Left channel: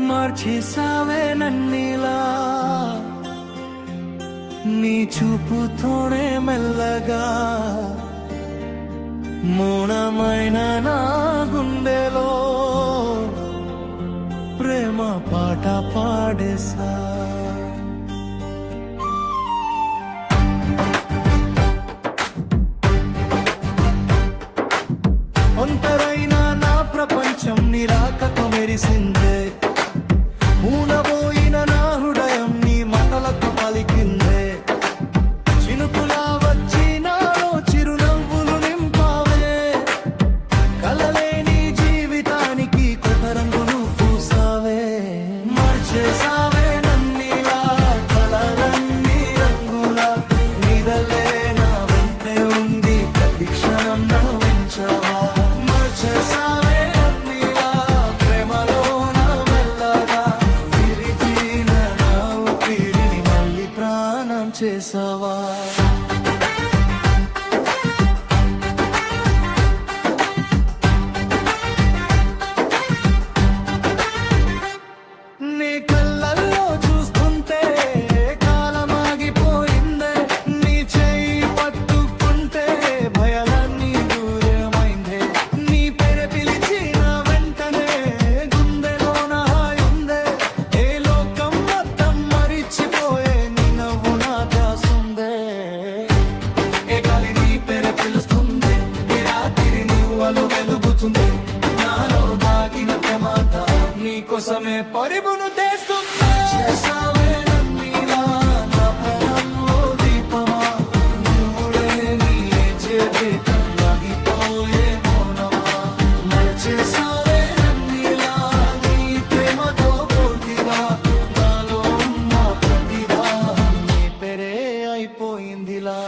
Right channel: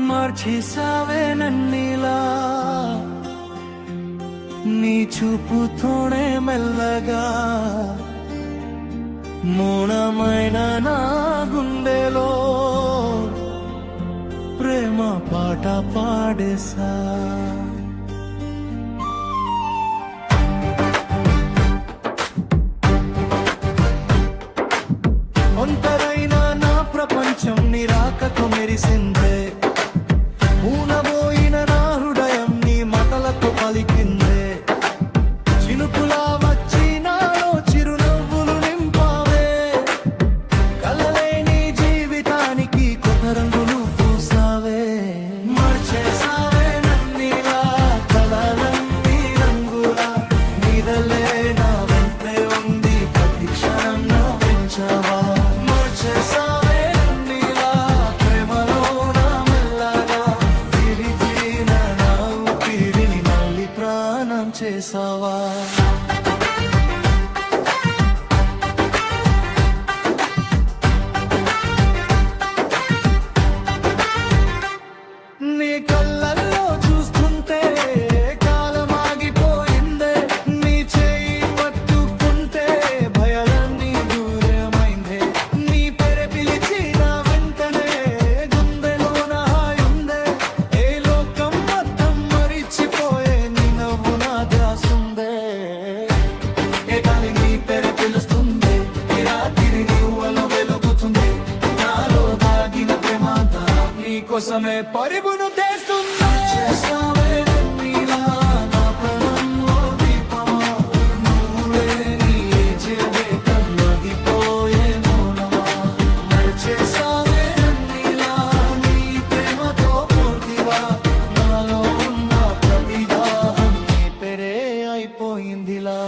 మార్చేసావే నన్నిలా నీ చూపుతోనే మెల్లగా మౌనమైన నా గుండెలో ప్రేమ పాట పాడేసా ఒంటరైన నా ప్రపంచం నిరాకతో మెరిసిందే మూనబోయిన నా హృదయం నీ మాటలతో పలికిందే చినుకులా వచ్చి నాలో చిరునవ్వులు నింపావే కలలేని జీవితానికి కొత్త రంగును పూసావే మార్చేసావే నన్నిలా కలలన్నీ రంగులా నిదలే నా వెంటే ఉండి ప్రతి క్షణం నవ్వించవా మార్చేసావే నన్నిలా ప్రేమలో నా మెల్లగా విరిగిన నా ఊపిరిని మళ్ళీ ప్రాణం చేసావా నీ కళ్ళల్లో చూస్తుంటే కాలమాగిపోయిందే నీ చేయి పట్టుకుంటే భయాలన్నీ దూరమైందే నీ పేరు పిలిచిన వెంటనే గుండెలోన హాయుందే ఏ లోకం మొత్తం మరిచిపోయే నీ నవ్వు నా ధ్యాసుందే ఏ గాలి నీ పేరు పిలుస్తుంది ఈ రాత్రి నీవలో వెలుగుతుంది నాలో దాగిన ప్రేమంతా నీకోసమే పరిబును తెస్తుందా చేసావే నన్నిలా నా ప్రాణంలో దీపమా నువ్వు లేని జీవితం ఆగిపోయే మౌనమా మరచేసావే నన్నిలా నీ ప్రేమతో పూర్తిగా నాలో ఉన్న ప్రతి దాహం నీ పేరే అయిపోయిందిలా